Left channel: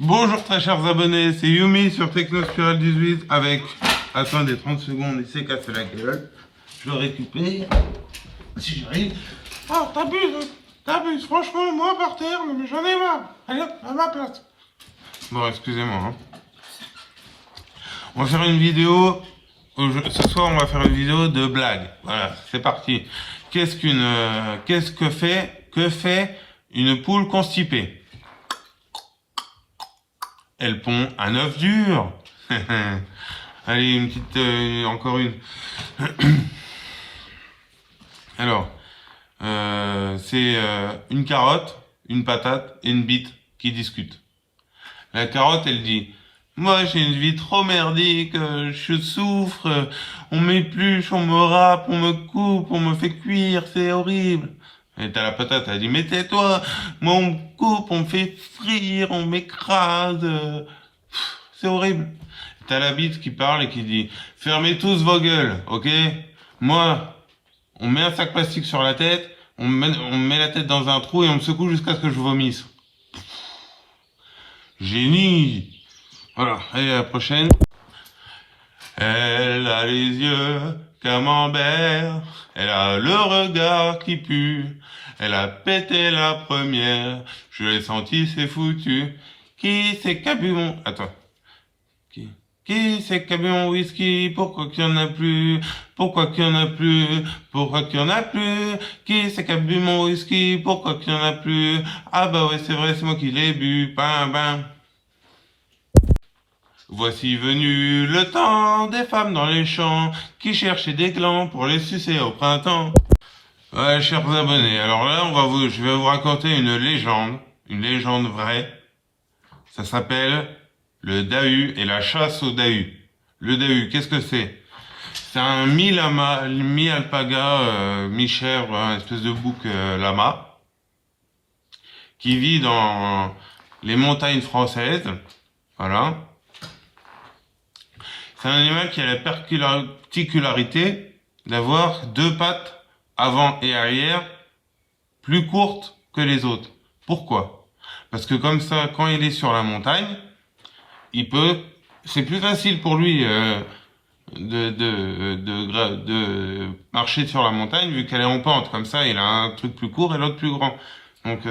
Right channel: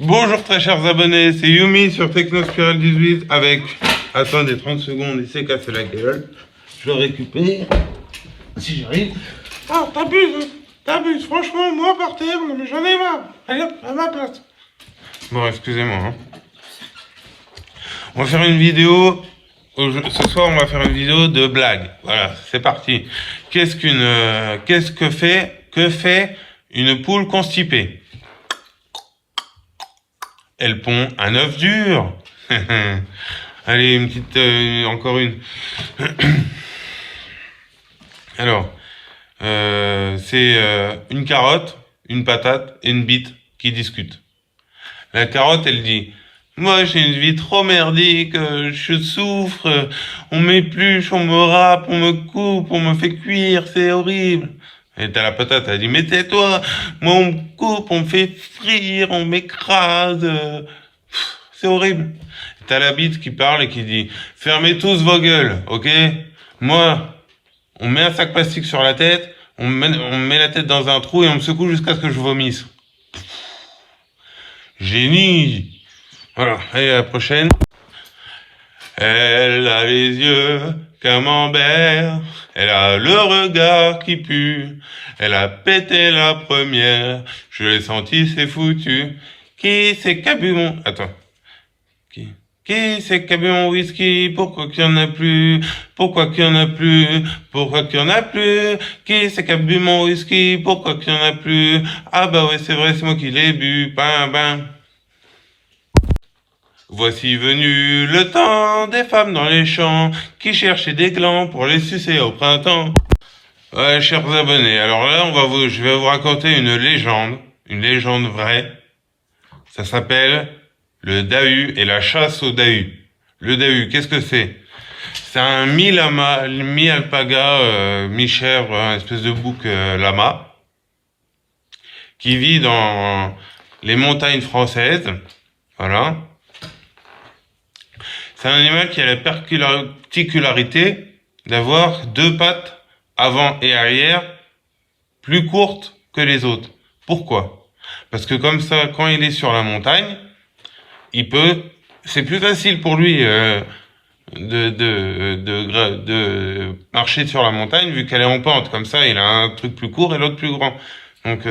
Bonjour très chers abonnés, c'est Yumi sur Technospiral 18 avec... Attendez 30 secondes, il s'est cassé la gueule. Je le récupère, si j'arrive. Ah, t'abuses, franchement, moi par terre, non mais j'en ai marre. Allez hop, à ma place. Bon, excusez-moi. Hein. On va faire une vidéo, ce soir on va faire une vidéo de blague. Voilà, c'est parti. Que fait une poule constipée? Elle pond un œuf dur. Allez, une petite, encore une. Alors, c'est une carotte, une patate et une bite qui discutent. La carotte, elle dit: moi, j'ai une vie trop merdique, je souffre, on m'épluche, on me râpe, on me coupe, on me fait cuire, c'est horrible. Et t'as la patate, elle dit: mais tais-toi, moi on me coupe, on me fait frire, on m'écrase, c'est horrible. T'as la bite qui parle et qui dit: fermez tous vos gueules, ok? Moi, on met un sac plastique sur la tête, on met la tête dans un trou et on me secoue jusqu'à ce que je vomisse. Génie! Voilà, allez, à la prochaine. Elle a les yeux camembert, elle a le regard qui pue, elle a pété la première, je l'ai senti, c'est foutu. Qui c'est qui a bu mon... Attends. Qui c'est qui a bu mon whisky? Pourquoi qu'il y en a plus? Pourquoi qu'il y en a plus? Pourquoi qu'il y en a plus? Qui c'est qui a bu mon whisky? Pourquoi qu'il y en a plus? Ah bah ouais, c'est vrai, c'est moi qui l'ai bu. Bam bam. Voici venu le temps des femmes dans les champs qui cherchaient des glands pour les sucer au printemps. Ouais, chers abonnés, alors là, je vais vous raconter une légende vraie. Ça s'appelle le Dahu et la chasse au Dahu. Le Dahu, qu'est-ce que c'est? C'est un mi-lama, mi-alpaga, mi-chèvre, un espèce de bouc lama, qui vit dans les montagnes françaises. Voilà. C'est un animal qui a la particularité d'avoir deux pattes avant et arrière plus courtes que les autres. Pourquoi? Parce que comme ça, quand il est sur la montagne, c'est plus facile pour lui de marcher sur la montagne vu qu'elle est en pente. Comme ça, il a un truc plus court et l'autre plus grand. Donc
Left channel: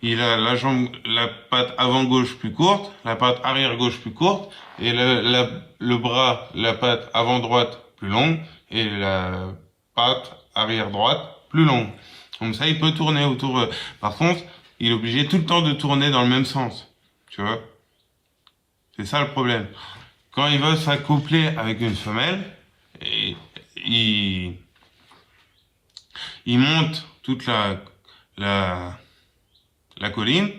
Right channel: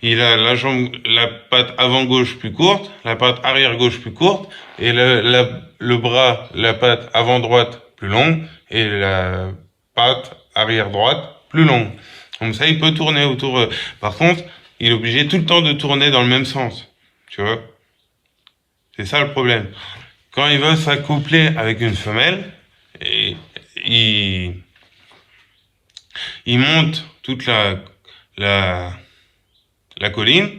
il a la patte avant gauche plus courte, la patte arrière gauche plus courte, et le bras, la patte avant droite plus longue, et la patte arrière droite plus longue. Comme ça, il peut tourner autour. Par contre, il est obligé tout le temps de tourner dans le même sens. Tu vois? C'est ça le problème. Quand il veut s'accoupler avec une femelle, il monte toute la colline,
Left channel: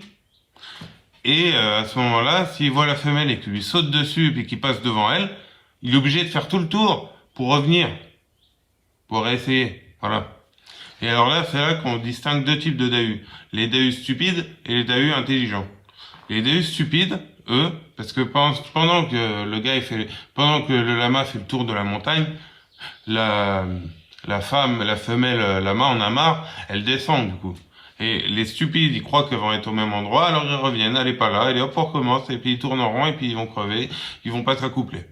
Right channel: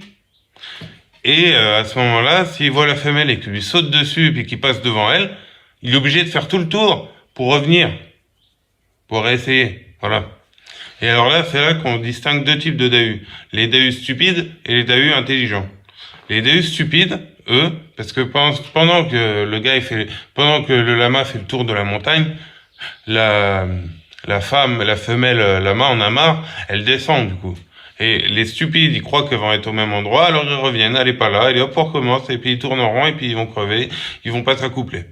et à ce moment-là, s'il voit la femelle et qu'il lui saute dessus et qu'il passe devant elle, il est obligé de faire tout le tour pour revenir, pour réessayer. Voilà. Et alors là, c'est là qu'on distingue deux types de dahus. Les dahus stupides et les dahus intelligents. Les dahus stupides, eux, parce que pendant que le lama fait le tour de la montagne, la femelle lama en a marre, elle descend du coup. Et les stupides, ils croient qu'ils vont être au même endroit, alors ils reviennent, elle est pas là, et hop, on recommence, et puis ils tournent en rond, et puis ils vont crever, ils vont pas s'accoupler.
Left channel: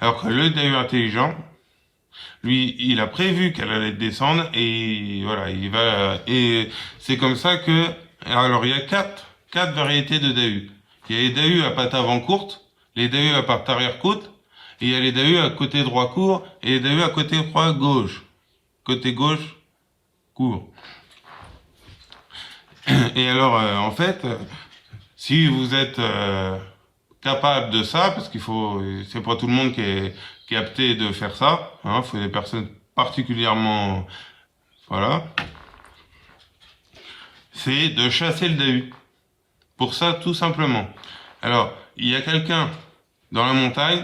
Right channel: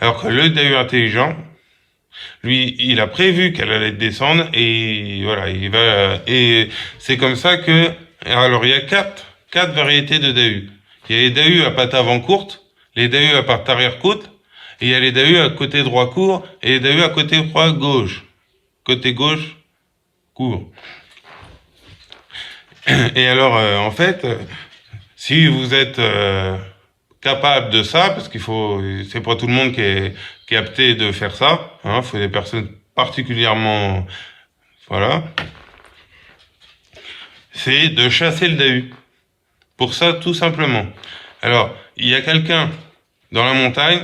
Alors que le dahu intelligent, lui, il a prévu qu'elle allait descendre, et voilà, et c'est comme ça que, alors il y a quatre variétés de dahus. Il y a les dahus à pattes avant courtes, les dahus à pattes arrière courtes, et il y a les dahus à côté droit court, et les dahus à côté droit gauche. Côté gauche, court. Et alors, en fait, si vous êtes capable de ça, parce c'est pas tout le monde qui est apté de faire ça, hein, faut des personnes particulièrement, voilà, c'est de chasser le dahu. Pour ça, tout simplement. Alors, il y a quelqu'un dans la montagne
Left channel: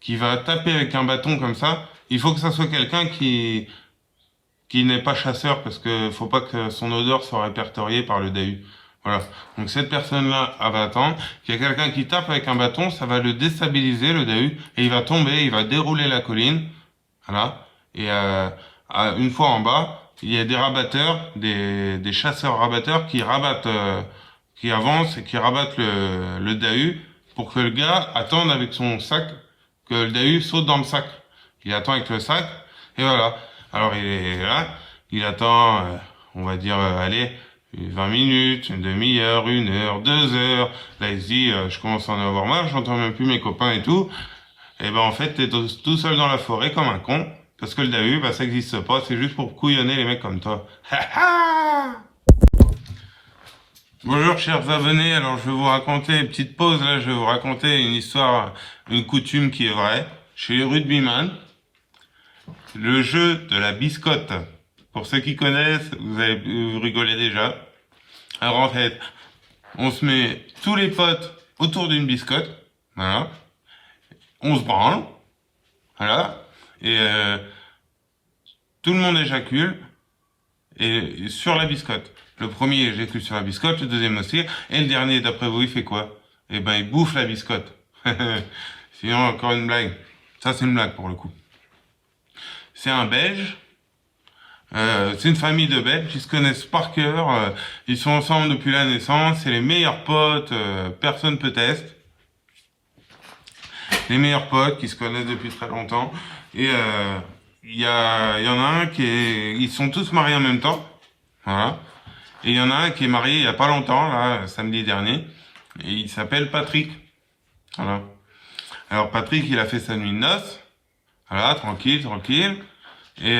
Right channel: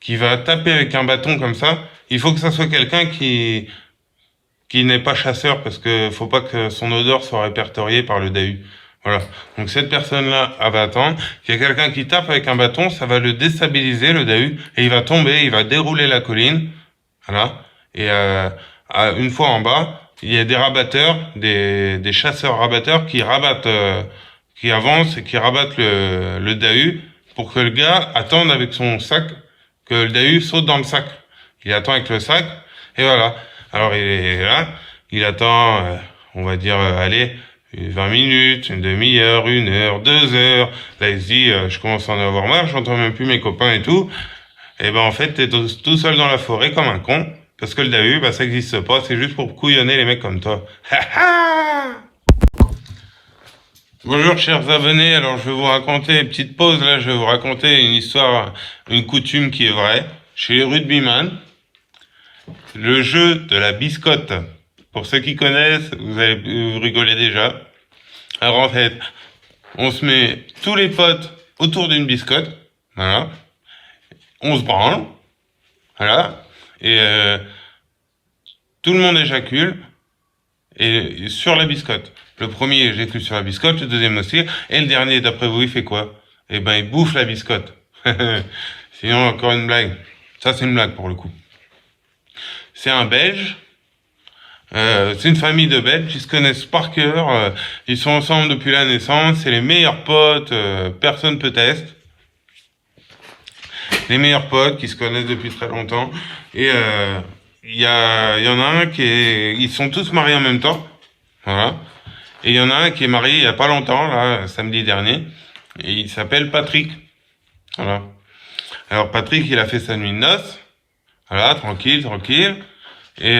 qui va taper avec un bâton comme ça. Il faut que ça soit quelqu'un qui n'est pas chasseur, parce que faut pas que son odeur soit répertoriée par le dahu. Voilà. Donc cette personne-là, elle va attendre. Il y a quelqu'un qui tape avec un bâton, ça va le déstabiliser, le dahu, et il va tomber, il va dérouler la colline. Voilà. Et une fois en bas, il y a des rabatteurs, des chasseurs rabatteurs qui rabattent qui avancent et qui rabattent le Dahu pour que le gars attende avec son sac, que le Dahu saute dans le sac. Il attend avec le sac, et voilà. Alors il est là, il attend, on va dire, allez, 20 minutes, une demi-heure, 1 heure, 2 heures. Là, il se dit, je commence à en avoir marre, j'entends même plus mes copains et tout. Et ben en fait, t'es tout seul dans la forêt comme un con, parce que le Dahu, bah ça existe pas, c'est juste pour couillonner les mecs comme toi. Bonjour chers abonnés, alors je vais vous raconter, petite pause là, je vais vous raconter une histoire, une coutume qui est vraie. Chez les rugbyman, le jeu de la biscotte. Pour ceux qui connaissent, vous allez vous rigoler déjà. Alors en fait, on se met tous les potes autour d'une biscotte, voilà. On se branle, voilà. Et tout le monde éjacule et sur la biscotte. Le premier éjacule sur la biscotte, le deuxième aussi, et le dernier, d'après vous, il fait quoi? Eh ben, il bouffe la biscotte. Sinon, encore une blague. Ça, c'est une blague pour le coup. C'est un Belge. C'est une famille de Belges. Ils se connaissent par cœur. Ils sont ensemble depuis la naissance. C'est les meilleurs potes. Personne peut tester. Les meilleurs potes qui se connaissent depuis très longtemps. Et il y en a un ils sont tous mariés en même temps. Voilà. Et il y en a un qui est marié il y a pas longtemps, là, samedi dernier. Et il s'appelle Patrick. Voilà. Alors Patrick, il a fait sa nuit de noces. Voilà, tranquille, tranquille. Et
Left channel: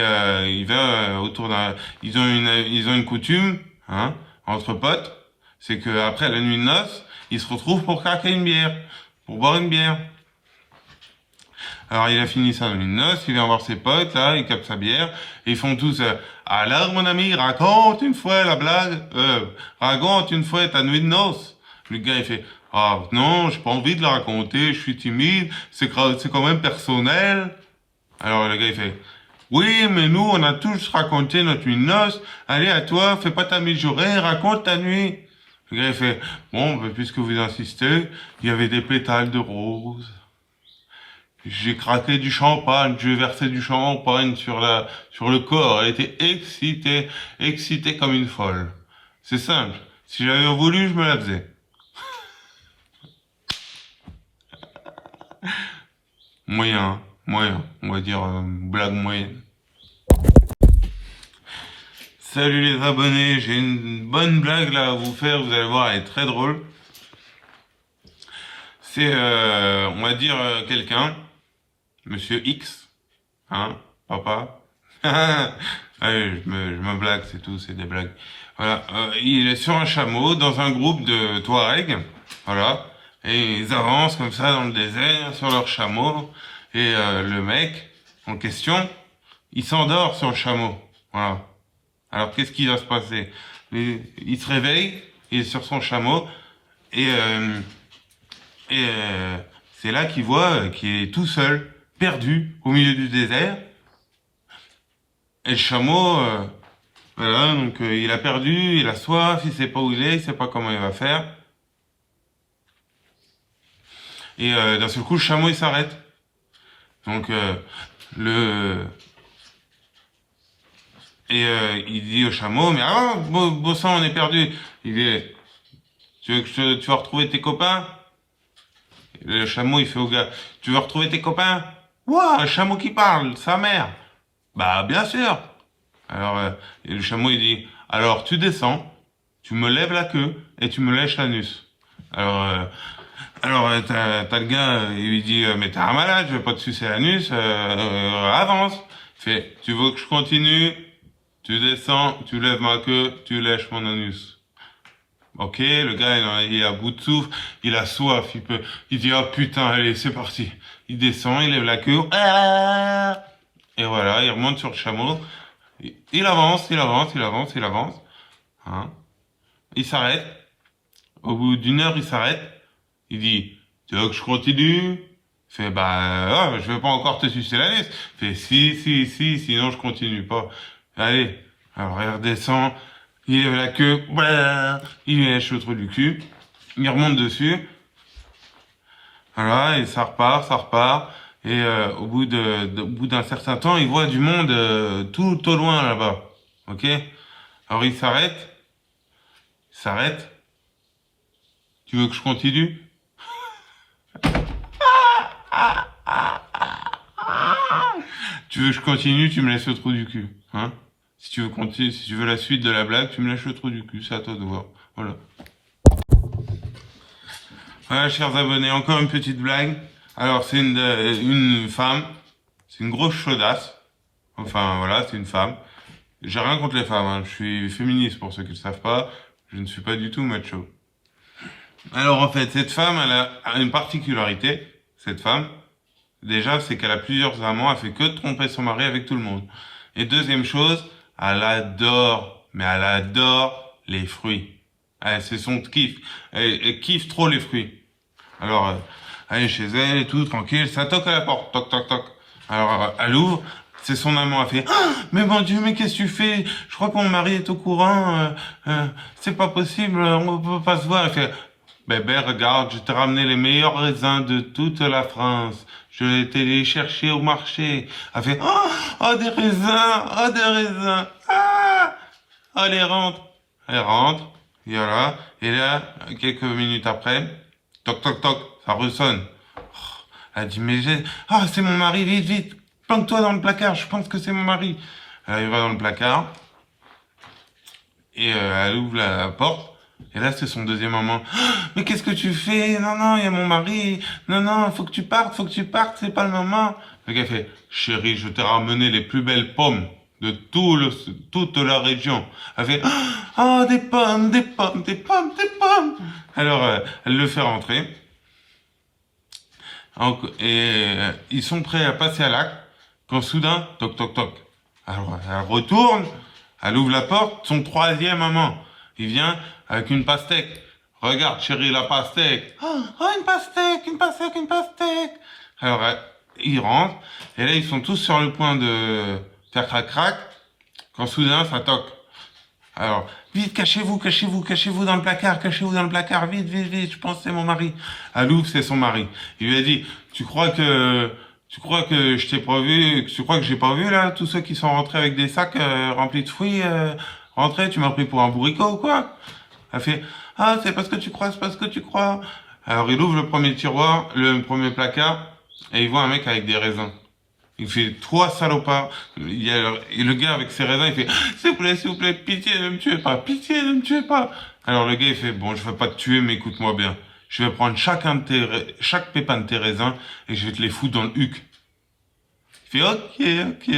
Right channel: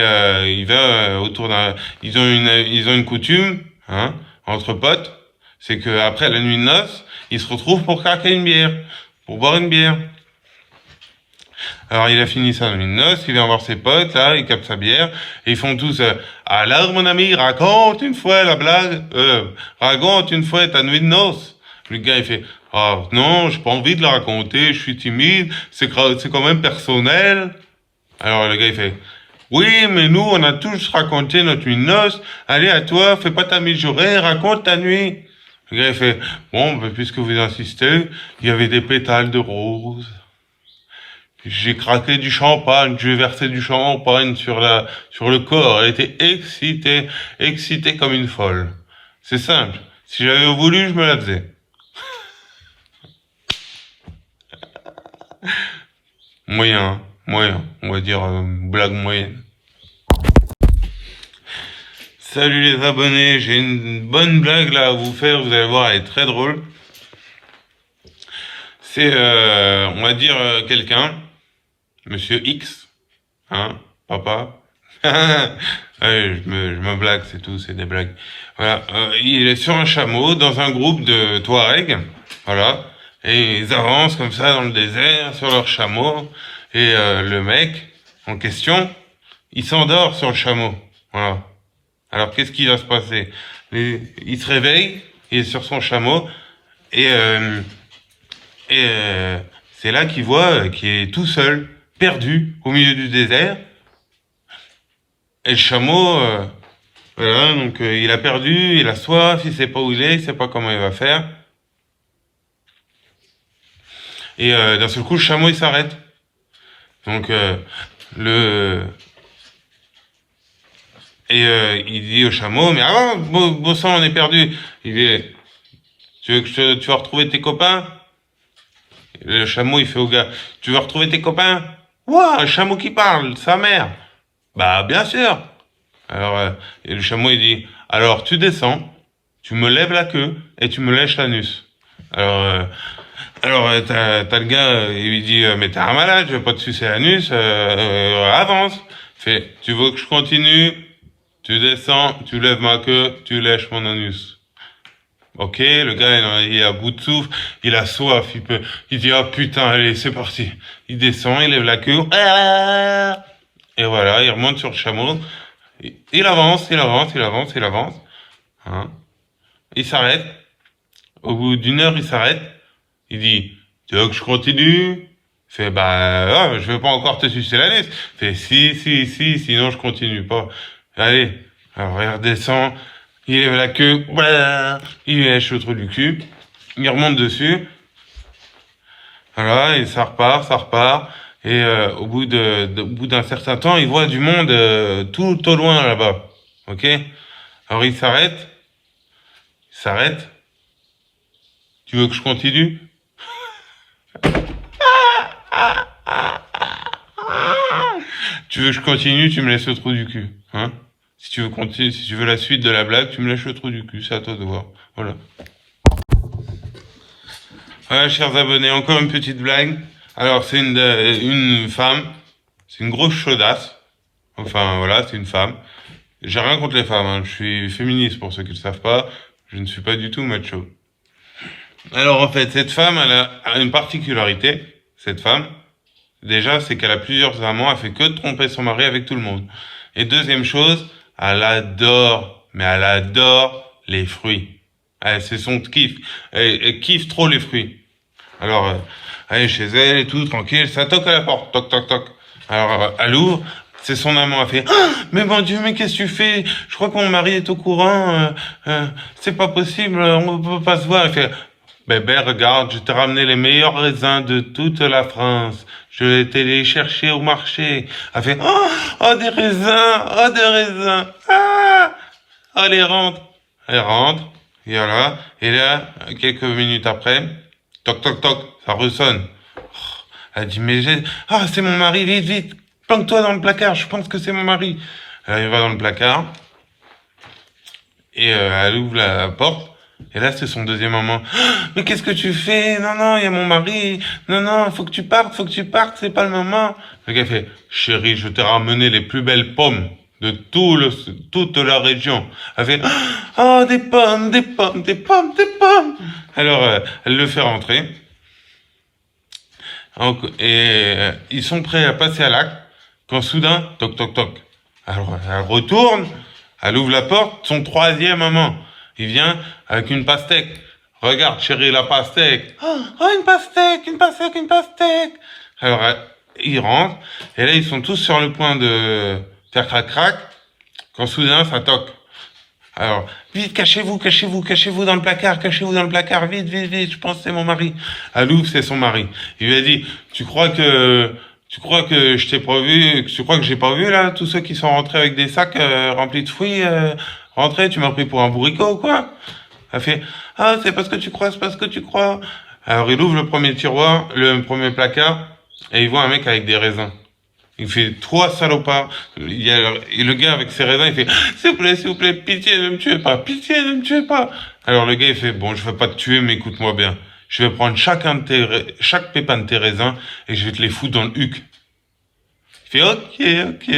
il va autour d'un. Ils ont une coutume, hein, entre potes. C'est que après la nuit de noces, ils se retrouvent pour craquer une bière, pour boire une bière. Alors il a fini sa nuit de noces, il vient voir ses potes, là, il capte sa bière, et ils font tous alors mon ami, raconte une fois la blague, raconte une fois ta nuit de noces. Le gars il fait ah non, j'ai pas envie de la raconter, je suis timide, c'est quand même personnel. Alors le gars il fait oui, mais nous on a tous raconté notre nuit de noces, allez à toi, fais pas ta mijaurée, raconte ta nuit. Le gars il fait bon, ben, puisque vous insistez, il y avait des pétales de rose. J'ai craqué du champagne, j'ai versé du champagne sur le corps. Elle était excitée comme une folle. C'est simple. Si j'avais voulu, je me la faisais. Moyen. On va dire blague moyenne. Salut les abonnés, j'ai une bonne blague là à vous faire. Vous allez voir, elle est très drôle. C'est, on va dire quelqu'un. Monsieur X, hein, papa. Allez, je me blague, c'est tout, c'est des blagues. Voilà, il est sur un chameau dans un groupe de Touaregs, voilà, et ils avancent comme ça dans le désert sur leur chameau, et le mec en question, il s'endort sur le chameau, voilà. Alors qu'est-ce qui va se passer? Il se réveille, il est sur son chameau, et c'est là qu'il voit qu'il est tout seul, perdu au milieu du désert. Et le chameau, voilà, donc il a perdu, il a soif, il sait pas où il sait pas comment il va faire. Et d'un seul coup, le chameau il s'arrête. Donc il dit au chameau, mais ah, beau sang, on est perdu. Il dit, tu veux que tu vas retrouver tes copains? Le chameau il fait au gars, tu veux retrouver tes copains? Ouah, un chameau qui parle, sa mère. Bah bien sûr. Alors et le chameau il dit alors tu descends, tu me lèves la queue et tu me lèches l'anus. Alors t'as le gars il lui dit mais t'es un malade, je vais pas te sucer l'anus, avance. Fait tu veux que je continue? Tu descends, tu lèves ma queue, tu lèches mon anus. Ok, le gars il est à bout de souffle, il a soif, il dit ah putain allez c'est parti. Il descend, il lève la queue. Et voilà, il remonte sur le chameau. Il avance. Hein. Il s'arrête. Au bout d'1 heure, il s'arrête. Il dit, tu veux que je continue? Il fait, bah, je vais pas encore te sucer l'anus. Il fait, si, sinon je continue pas. Allez. Alors, il redescend. Il lève la queue. Il lèche le trou du cul. Il remonte dessus. Voilà, et ça repart. Et au bout d'un certain temps, il voit du monde tout au loin là-bas. Ok? Alors il s'arrête. Tu veux que je continue? Tu veux que je continue, tu me laisses le trou du cul, hein? Si tu veux continuer, si tu veux la suite de la blague, tu me lâches le trou du cul, c'est à toi de voir. Voilà. Voilà, chers abonnés, encore une petite blague. Alors, c'est une femme, c'est une grosse chaudasse. Enfin, voilà, c'est une femme. J'ai rien contre les femmes, hein. Je suis féministe pour ceux qui ne le savent pas. Je ne suis pas du tout macho. Alors, en fait, cette femme, elle a une particularité, cette femme. Déjà, c'est qu'elle a plusieurs amants, elle fait que de tromper son mari avec tout le monde. Et deuxième chose, elle adore, mais elle adore les fruits. C'est son kiff. Elle kiffe trop les fruits. Alors, elle est chez elle et tout, tranquille, ça toque à la porte, toc, toc, toc. Alors, elle ouvre, c'est son amant, elle fait ah, mais mon Dieu, mais qu'est-ce que tu fais? Je crois que mon mari est au courant, c'est pas possible, on peut pas se voir. Elle fait bébé, regarde, je t'ai ramené les meilleurs raisins de toute la France. Je vais été les chercher au marché. Elle fait oh, oh des raisins, oh des raisins, ah, allez rentre. Elle rentre, et voilà, et là, quelques minutes après, toc toc toc, ça ressonne. Elle dit mais ah c'est mon mari, vite vite, planque-toi dans le placard, je pense que c'est mon mari. Elle va dans le placard et elle ouvre la porte. Et là, c'est son deuxième amant. Ah, mais qu'est-ce que tu fais? Non, non, il y a mon mari. Non, non, faut que tu partes, c'est pas le moment. Le gars fait, chérie, je t'ai ramené les plus belles pommes de toute la région. Elle fait, oh, des pommes, des pommes, des pommes, des pommes. Alors, elle le fait rentrer. Et ils sont prêts à passer à l'acte quand soudain, toc, toc, toc. Alors, elle retourne, elle ouvre la porte, son troisième amant. Il vient avec une pastèque. Regarde, chérie, la pastèque. Oh, oh, une pastèque, une pastèque, une pastèque. Alors, ils rentrent, et là, ils sont tous sur le point de faire crac-crac, quand soudain, ça toque. Alors, vite, cachez-vous, cachez-vous, cachez-vous dans le placard, vite, vite, vite, je pense que c'est mon mari. Elle ouvre, c'est son mari. Il lui a dit, tu crois que je t'ai pas vu, tu crois que j'ai pas vu, là, tous ceux qui sont rentrés avec des sacs remplis de fruits, rentrés, tu m'as pris pour un bourricot ou quoi? Elle fait, ah, c'est parce que tu crois, c'est parce que tu crois. Alors, il ouvre le premier tiroir, le premier placard, et il voit un mec avec des raisins. Il fait trois salopards. Et le gars avec ses raisins, il fait s'il vous plaît, pitié, ne me tuez pas, pitié, ne me tuez pas. Alors le gars, il fait bon, je vais pas te tuer, mais écoute-moi bien. Je vais prendre chaque pépin de tes raisins et je vais te les foutre dans le huc. Il fait ok, ok.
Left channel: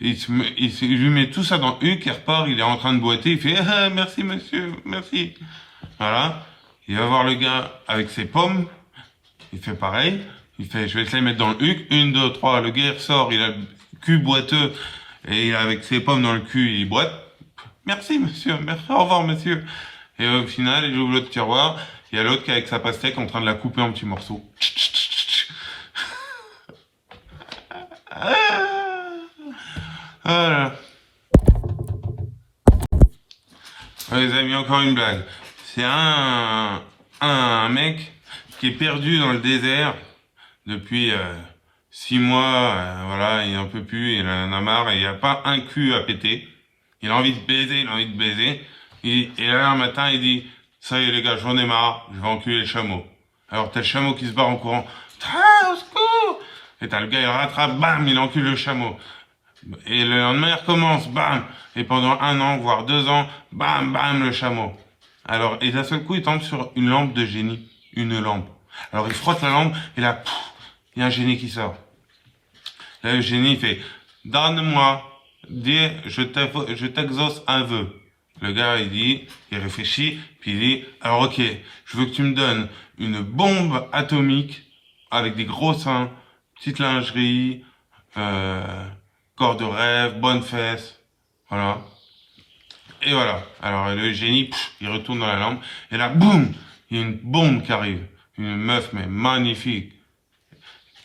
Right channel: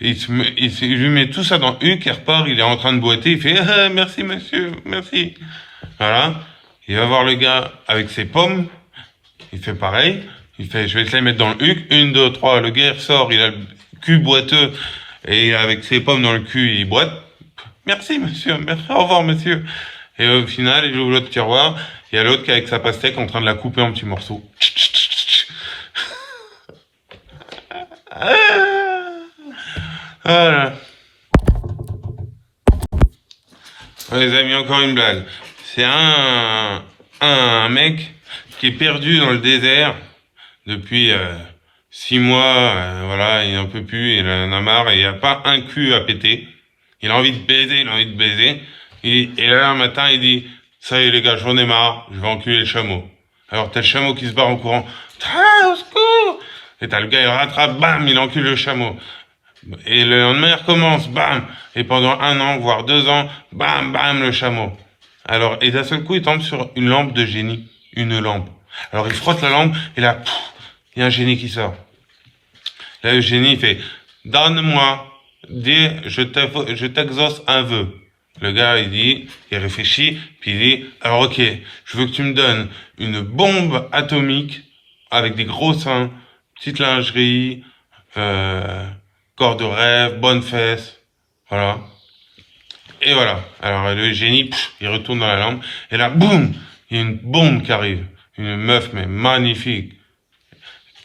Il lui met tout ça dans le huc, il repart, il est en train de boiter, il fait ah, merci monsieur, merci. Voilà. Il va voir le gars avec ses pommes, il fait pareil. Il fait, je vais te les mettre dans le huc. 1, 2, 3, le gars sort, il a le cul boiteux, et avec ses pommes dans le cul, il boite. Merci, monsieur, merci, au revoir, monsieur. Et au final, il ouvre l'autre tiroir, il y a l'autre qui est avec sa pastèque en train de la couper en petits morceaux. Voilà. Les amis, encore une blague. C'est un mec qui est perdu dans le désert depuis 6 mois, voilà, il en peut plus, il en a marre, et il n'y a pas un cul à péter. Il a envie de baiser, il a envie de baiser. Et là, un matin, il dit, ça y est les gars, j'en ai marre, je vais enculer le chameau. Alors t'as le chameau qui se barre en courant, ah, au secours! Et t'as le gars, il rattrape, bam, il encule le chameau. Et le lendemain, il recommence, bam! Et pendant 1 an, voire 2 ans, bam, bam, le chameau. Alors, et d'un seul coup, il tombe sur une lampe de génie, une lampe. Alors il frotte la lampe, et là, il y a un génie qui sort. Là, le génie, il fait, donne-moi, dis, je t'exauce un vœu. Le gars, il réfléchit, puis il dit, alors ok, je veux que tu me donnes une bombe atomique avec des gros seins, petite lingerie, corps de rêve, bonnes fesses, voilà. Et voilà. Alors le génie, il retourne dans la lampe, et là, boum, il y a une bombe qui arrive. Une meuf, mais magnifique.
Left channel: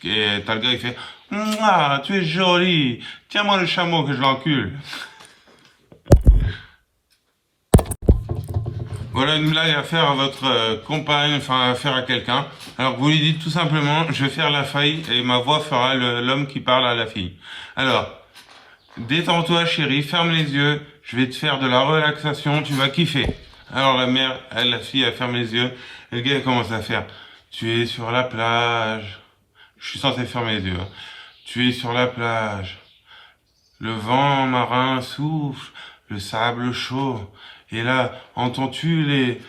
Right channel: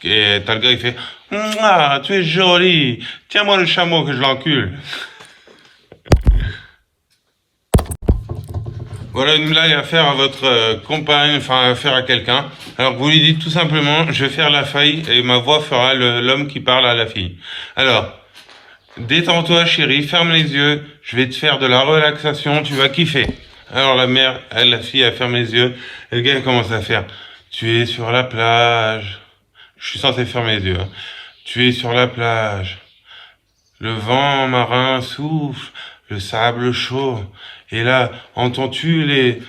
Et t'as le gars, il fait, ah, tu es jolie, tiens-moi le chameau que je l'encule. Voilà une blague à faire à votre compagne, enfin à faire à quelqu'un. Alors vous lui dites tout simplement, je vais faire la faille et ma voix fera l'homme qui parle à la fille. Alors, détends-toi chérie, ferme les yeux, je vais te faire de la relaxation, tu vas kiffer. Alors la mère, la fille, elle ferme les yeux. Et le gars, il commence à faire. Tu es sur la plage. Je suis censé fermer les yeux, hein. Tu es sur la plage. Le vent marin souffle, le sable chaud. Et là, entends-tu les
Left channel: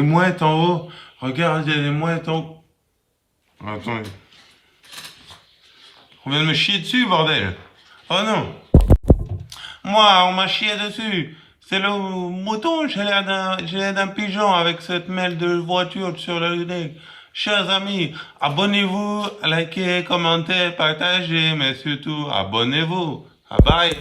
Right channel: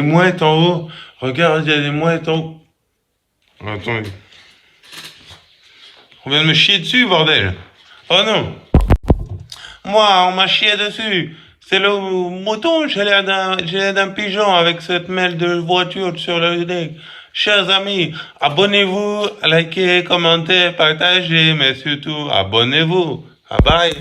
mouettes en haut? Regarde, il y a des mouettes en haut. Attends, on vient de me chier dessus, bordel. Oh non. Moi, on m'a chié dessus. C'est le mouton, j'ai l'air d'un pigeon avec cette mêle de voiture sur le deck. Chers amis, abonnez-vous, likez, commentez, partagez, mais surtout, abonnez-vous. Bye bye.